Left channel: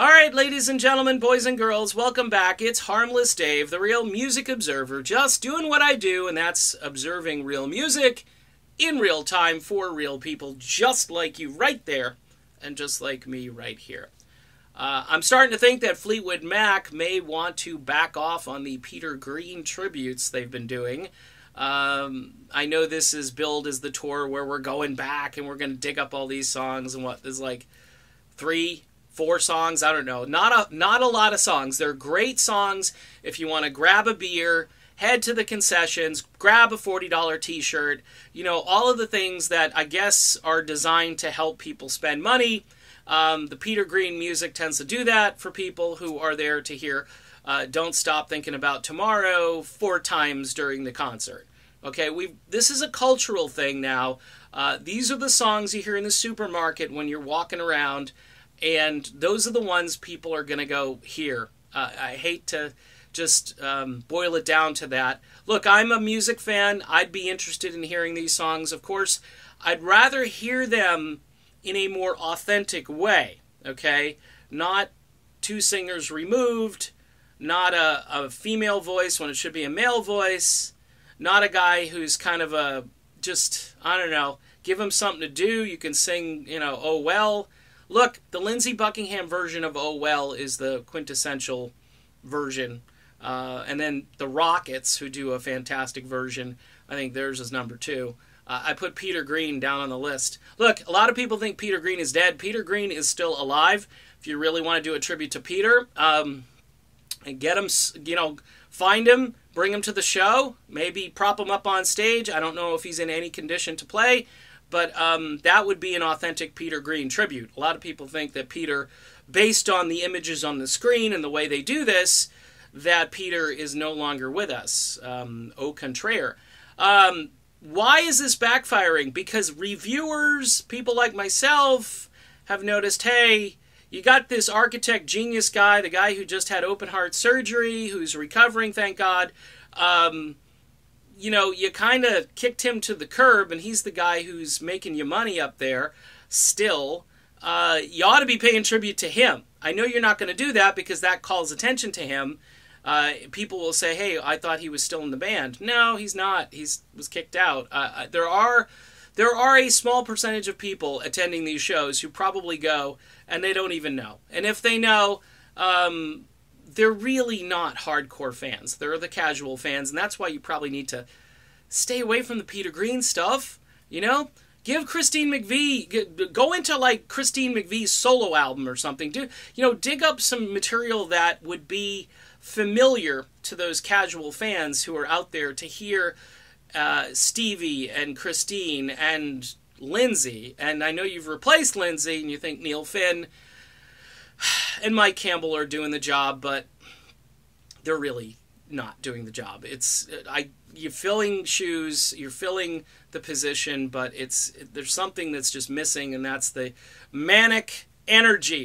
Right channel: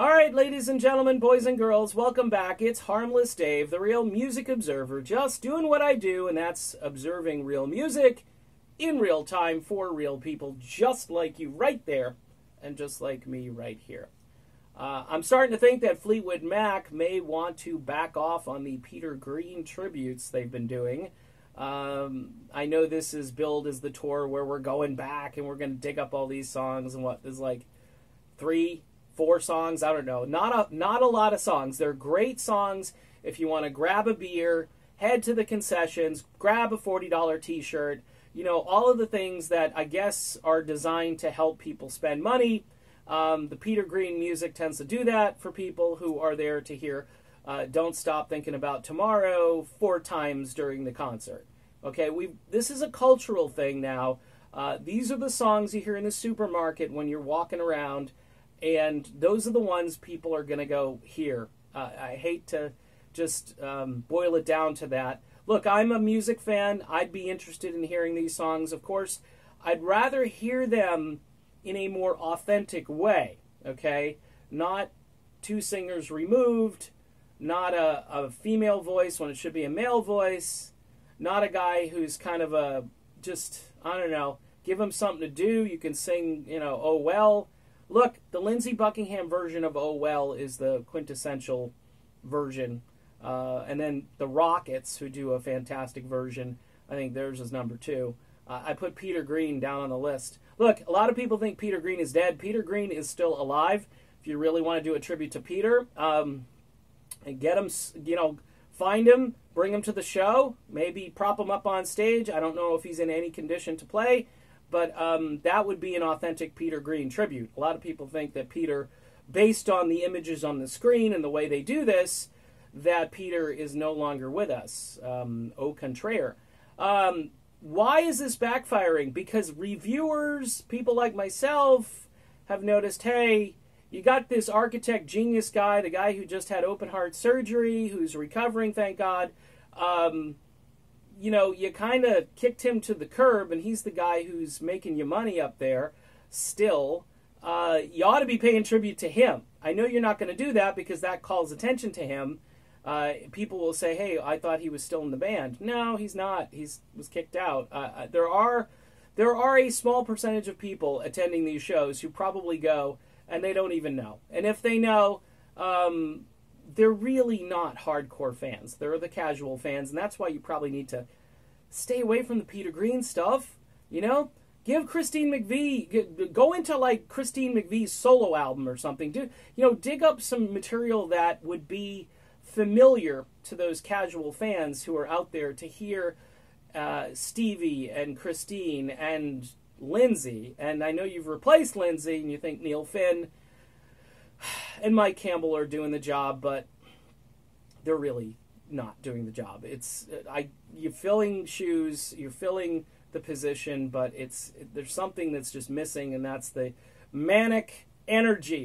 All right, ladies and gentlemen, boys and girls, welcome back. It's Harmless Dave, the real music observer, just doing what I do, and that's observing real music in real time for real people, just like you right there, and just like me right here. I'm starting to think that Fleetwood Mac may want to back off on the Peter Green tributes they've been doing. I know this is billed as the tour where we're going back and we're going to dig up all these songs and what, there's like 3-4 songs, I don't know. Not a lot of songs. They're great songs if you want to grab a beer, head to the concessions, grab a $40 t-shirt, you know, all of the things that I guess are designed to help people spend money. The Peter Green music tends to do that for people who are there to hear Don't Stop Thinking About Tomorrow 4 times during the concert. Okay, this is a cultural thing now. These are the songs you hear in the supermarket when you're walking around, and those are the ones people are going to go hear. I hate to just boil it down to that. Look, I'm a music fan. I'd be interested in hearing these songs. Of course, I'd rather hear them in a more authentic way, okay? Not 2 singers removed, not a female voice when it should be a male voice, not a guy who's kind of I don't know, give him something to do. You can sing, you know, Oh Well. Look, the Lindsey Buckingham version of Oh Well is the quintessential version. And then the Rockets, who do a fantastic version, I think theirs is number 2. I put Peter Green down on the list. Look, a lot of people think Peter Green is dead. Peter Green is still alive. If you really want to do a tribute to Peter, and get him, you know, find him, bring him to the show, maybe prop him up on stage. I don't know if he's in any condition to play, but that would be an authentic Peter Green tribute. A lot of people think that Peter, based on the images on the screen and the way they do this, that Peter is no longer with us. Au contraire. Why is this backfiring? Because reviewers, people like myself, have noticed, hey, you got this architect genius guy, the guy who just had open heart surgery, who's recovering, thank God. You know, you kind of kicked him to the curb, and he's the guy who's making you money up there still. You ought to be paying tribute to him. I know you're not going to do that because that calls attention to him. People will say, hey, I thought he was still in the band. No, he's not. He was kicked out. There are a small percentage of people attending these shows who probably go and they don't even know. And if they know, they're really not hardcore fans. They're the casual fans, and that's why you probably need to stay away from the Peter Green stuff, you know? Give Christine McVie, go into like Christine McVie's solo album or something. Dig up some material that would be familiar to those casual fans who are out there to hear Stevie and Christine and Lindsey. And I know you've replaced Lindsey and you think Neil Finn and Mike Campbell are doing the job, but they're really not doing the job. You're filling shoes, you're filling the position, but there's something that's just missing, and that's the manic energy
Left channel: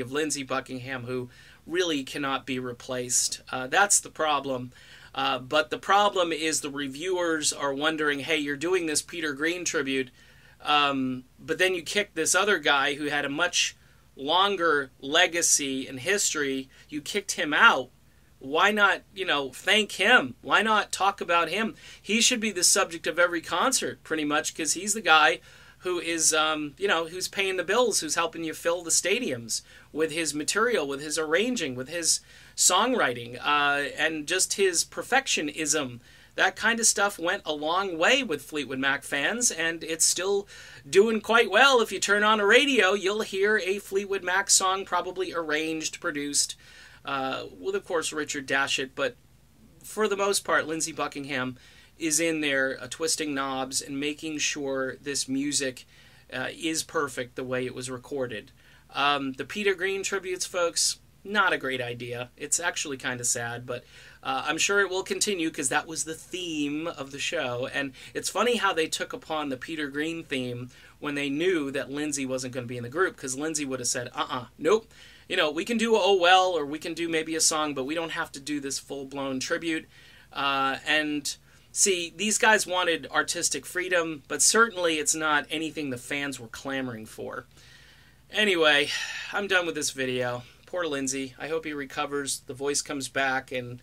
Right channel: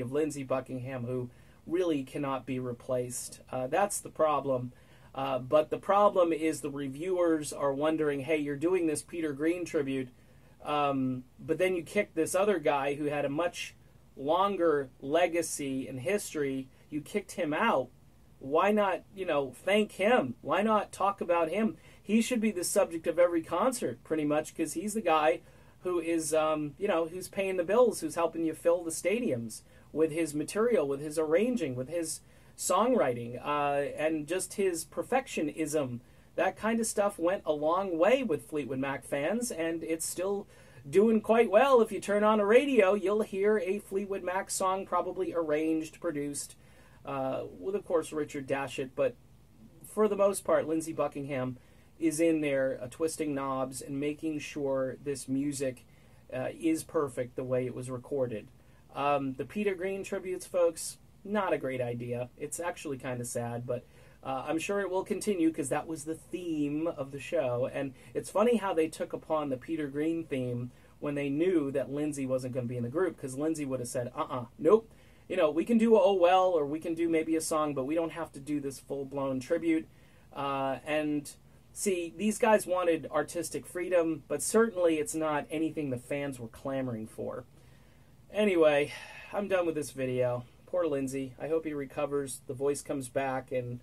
of Lindsey Buckingham, who really cannot be replaced. That's the problem. But the problem is the reviewers are wondering, hey, you're doing this Peter Green tribute, but then you kick this other guy who had a much longer legacy and history. You kicked him out. Why not, thank him? Why not talk about him? He should be the subject of every concert, pretty much, because he's the guy who is, who's paying the bills, who's helping you fill the stadiums with his material, with his arranging, with his songwriting, and just his perfectionism. That kind of stuff went a long way with Fleetwood Mac fans, and it's still doing quite well. If you turn on a radio, you'll hear a Fleetwood Mac song, probably arranged, produced, with, of course, Richard Dashit, but for the most part, Lindsey Buckingham is in there twisting knobs and making sure this music is perfect the way it was recorded. The Peter Green tributes, folks, not a great idea. It's actually kind of sad, but I'm sure it will continue because that was the theme of the show. And it's funny how they took upon the Peter Green theme when they knew that Lindsey wasn't going to be in the group, because Lindsey would have said, nope. We can do Oh Well, or we can do maybe a song, but we don't have to do this full-blown tribute. And see, these guys wanted artistic freedom, but certainly it's not anything the fans were clamoring for. Anyway, I'm done with this video. Poor Lindsey. I hope he recovers, the voice comes back, and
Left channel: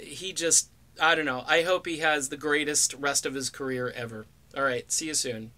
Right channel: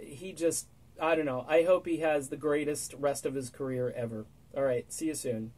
he just, I don't know. I hope he has the greatest rest of his career ever. All right, see you soon.